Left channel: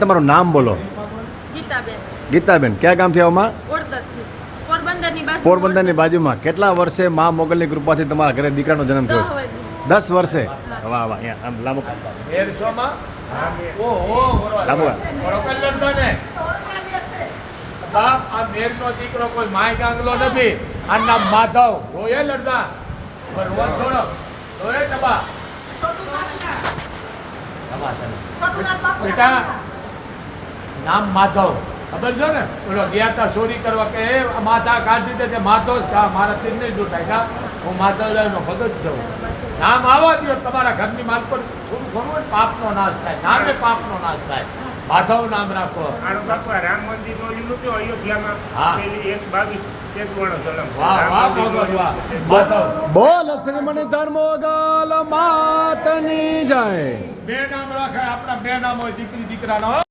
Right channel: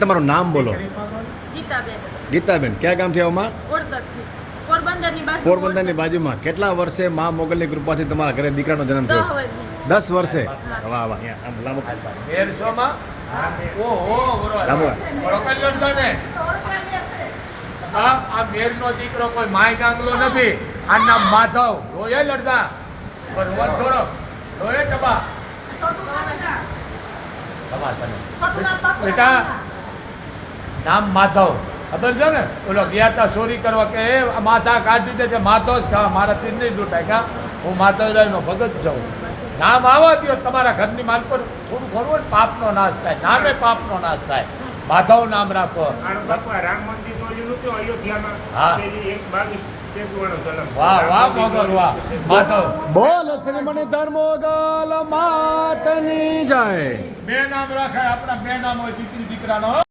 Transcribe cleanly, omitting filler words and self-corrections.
તમારું નામ બોલો. ગીતાબેન. ગીતાબેન, ક્યાં ગામથી આવમાં? ઓરતરથી. પોરબંદરની બાજુ. પોરબંદરની બાજુમાં. કેટલા વર્ષે મા મોગલની કૃપાથી તમારા ઘરે દીકરાનો જન્મ થયો? 10 વર્ષે. વાહ વાહ. આમ લાંબો આ મેર નો દીકરો કોઈ માય ગાંગલો નથી. આ નામ માધવ હોય લડતા થોડો હોય ટબા બેટા નામ માધવ ખબર છે ને? બોલો ગયા તા ચોરી કરવા કે માથા કાઢી દે છે માધવ જ કા મારા ચીરની જ ઉઠાય કા હું માધવરાય નો ભગત છું. નામ આવવા દો તમારા ઘરની માલકો થોડું ઘણું પાપનો નાશ થાય. નામે પાપનો નાશ થાય. માધવ નામ રાખો. રામ મંદિર નું નતું અયોધ્યામાં પેલી 1:22 વાહ વાહ વાહ માધવ બોલ શ્રીમણી ધર્મોદલ માતની જાય. બે નામ રાખાય. આપણા બે નામ હોય દીકરી દીકરાનો.